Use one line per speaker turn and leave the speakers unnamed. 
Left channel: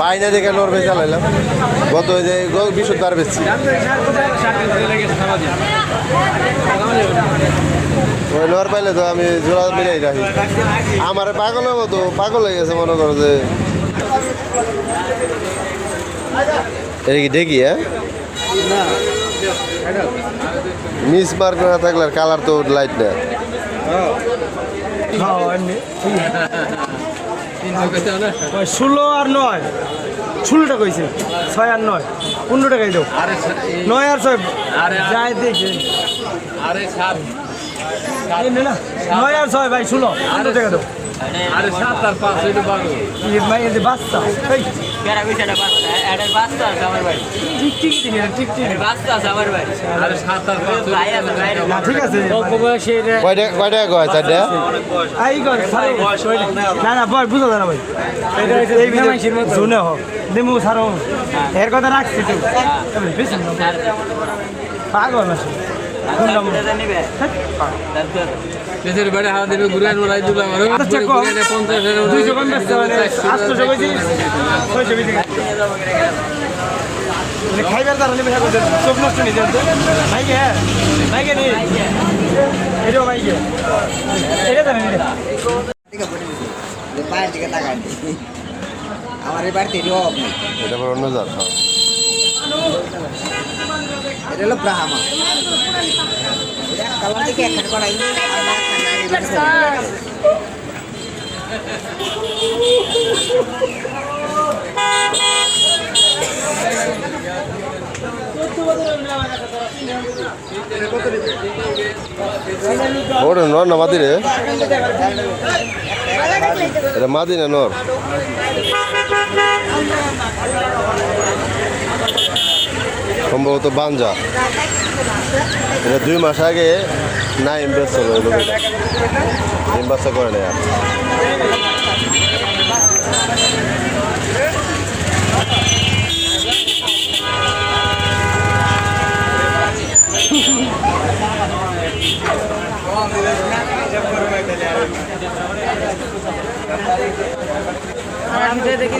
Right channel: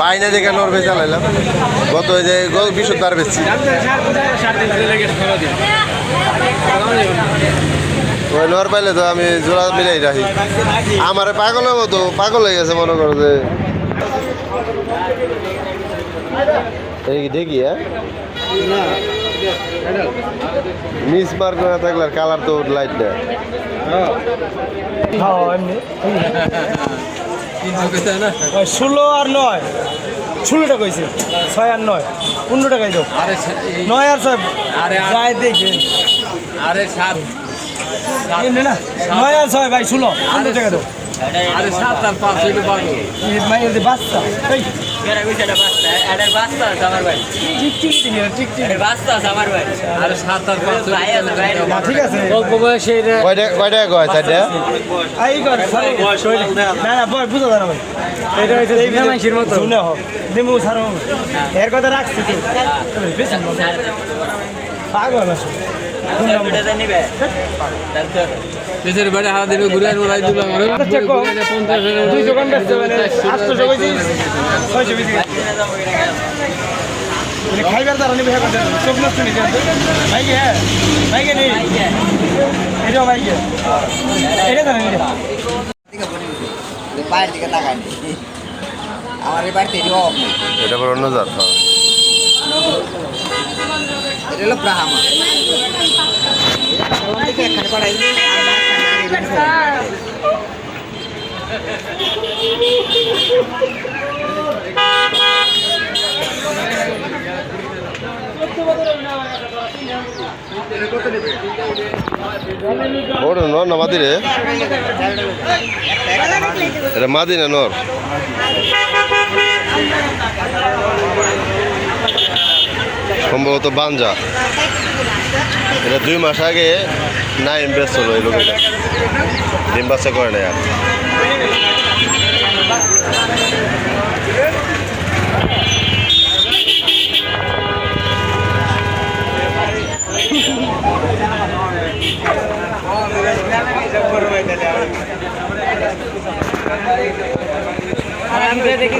পাই না দেখে নোর ভেজালাইলাম গত যে বেশি
যাবে না
ওই নোর পাইলে তো আমি জোড়া মিলাই রাখি। আমার পাগলের মতো, পাগল হয়ে গেছে মনে করো যে। দেখি হ্যাঁ? মিস মার্ক না থাকলে আর কালার তো লাইট না।
ষোলো আর নয়। ষোলোটা কইছে। ছয় আর নয়। পনেরো টাকাই
আরে
নয় আর ছয়।
আরে
যাই দেখে
আরে সাত।
না নয় আর ছয় ভাই ষোলো। পনেরো টাকা দাও
আরে সাত আর পাঁচ
বাচ্চা। এর কথা রাখছি পাগল আছে
দেশের বাইরে হারা দিবে ঘুরে আনব লাই দিলাম আরও
আচ্ছা, খাইবার। চোখ নষ্ট নেই ভাইকে, হ্যাঁ? ভাইকে নেই। এটাও ভাইকে। এটা দাঁড়ান, এটা।
দিকে বলে দিছে যে পায়ের দিকে তাকায় আমার এই বাড়িতে অভাব নেই
এটা পর অন্য জাত হ্যাঁ
এটা হলো ব্রাহ্মা
নর না মাদি রে। এটা মাদি না নর? সম্ভবত বাঞ্জা। এটা দুই মাস আগে নাইম ব্যস্ত হলো এই লোকটা ডিম করে না আর।
আমি দেখি